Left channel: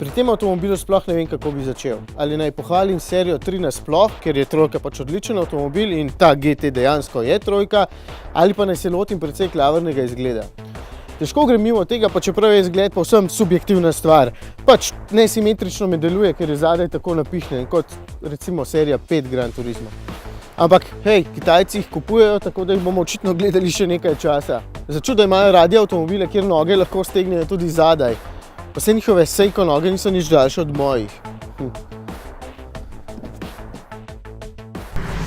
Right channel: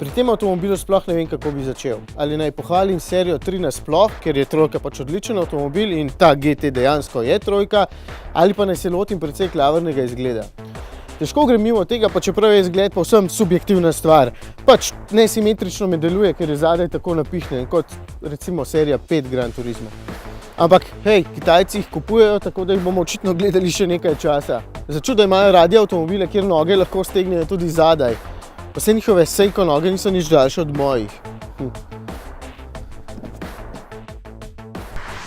Pri tem avtomobilu sploh ne vem, kako bi začel. Ali naj pohvalim serijo 3 nasploh, ker je trojka pač odličen avtomobil in ta GT dejansko je trojka, ali pa naj se lotim precej klavrnega izgleda. Težko grem mimo tega, pa čeprav je izgled povsem subjektivna stvar. Pač nesimetrično me deluje, ker je zadaj tako napihnjen, kot recimo serija 5 Gran Turismo. Ampak, hej, Kitajci jih kupujejo, tako da jih bomo očitno gledali še nekaj časa. Začuda imajo radi avtomobile, kjer noge lahko stegnejo tudi zadaj. Pa se njihove Seiko noge niso nič daljše od mojih.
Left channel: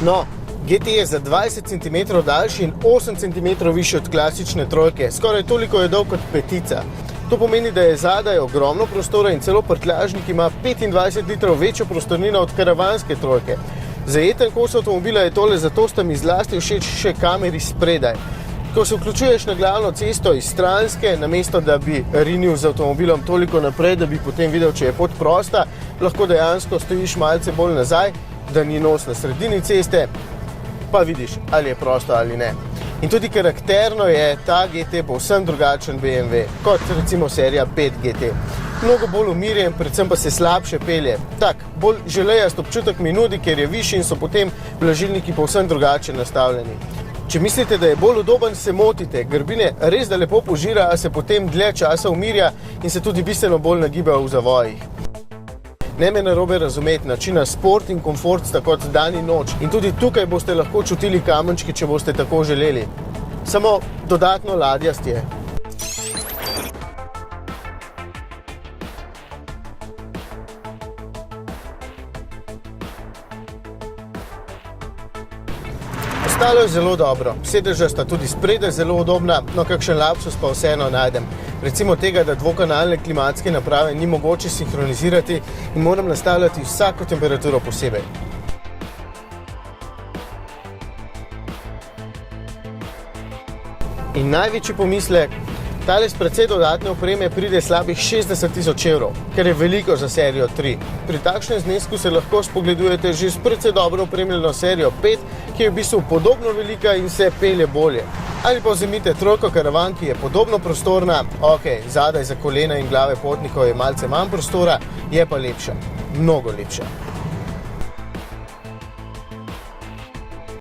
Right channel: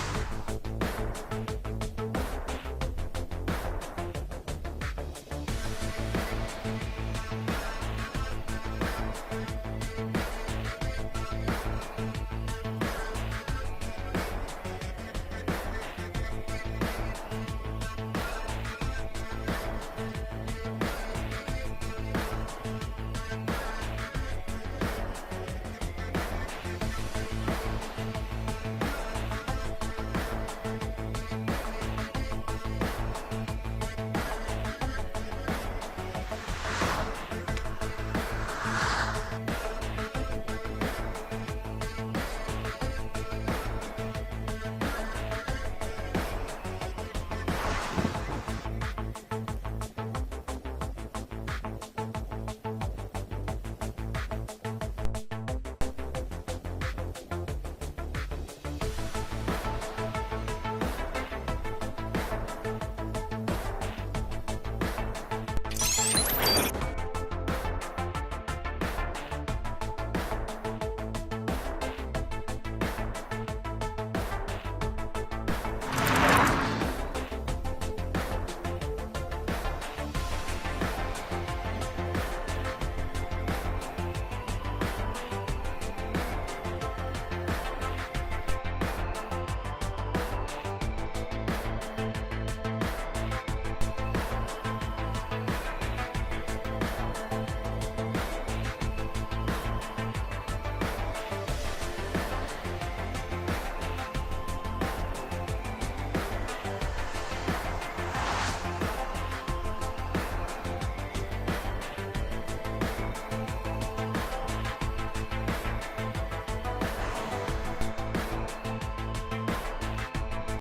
No, GT je za 20 cm daljši in 8 cm višji od klasične trojke. Skoraj toliko je dolg kot petica. To pomeni, da je zadaj ogromno prostora in celo prtljažnik ima 25 litrov večjo prostornino od karavanske trojke. Zajeten kos avtomobila je tole, zato sta mi zlasti všeč še kameri spredaj. Ko se vključuješ na glavno cesto iz stranske, namesto da bi rinil z avtomobilom toliko naprej, da bi potem videl, če je pot prosta, lahko dejansko stojiš malce bolj nazaj, da ni nos na sredini ceste, pa vidiš, ali je prosto ali ne. In tudi karakterno je ta GT povsem drugačen BMW, kot recimo serija 5 GT. Mnogo bolj umirjen, predvsem pa se slabše pelje. Tak, bolj želejast občutek mi nudi, ker je višji in so potem blažilniki povsem drugače nastavljeni. Če mislite, da je bolj udoben, se motite. Grbine res da lepo požira, a se potem dlje časa umirja in se tudi bistveno bolj nagiba v zavojih. Ne me narobe razumeti, načina sport in komfort sta kot dan in noč in tudi tukaj boste lahko čutili kamenčki, če boste tako želeli. Samo dodatno ladjast je. Ostalo je zelo dobro, sedeža sta tudi spredaj zelo udobna, no kakšen lapsus pa vseeno najdem. Recimo tega, da dvokanalne klimatske naprave ni mogoče sinhronizirati in moram nastavljati vsako temperaturo posebej. In največji pomislek, tale s precej dodatne opreme pride slabih 60 000 evrov, kar je veliko za serijo 3. Pri takšnem znesku se lahko spogledujete že s precej dobro opremljeno serijo 5, ki je v bistvu podobno velika in se pelje bolje. Ali pa vzemite trojko karavan, ki je podobno prostorna, ok, zadaj za kolena in glave potnikov je malce manj prostora, je pa lepša, mnogo lepša.